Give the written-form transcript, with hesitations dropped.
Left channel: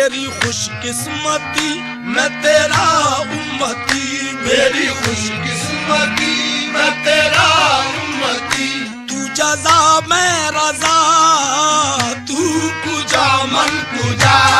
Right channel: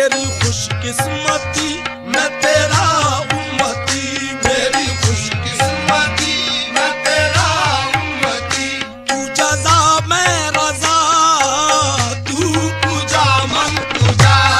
मेरी खुशकिस्मती मैं तेरा उम्मती, मेरी खुशकिस्मती मैं तेरा उम्मती। तू जज़ा मैं रज़ा, तू तुझा मन तुझा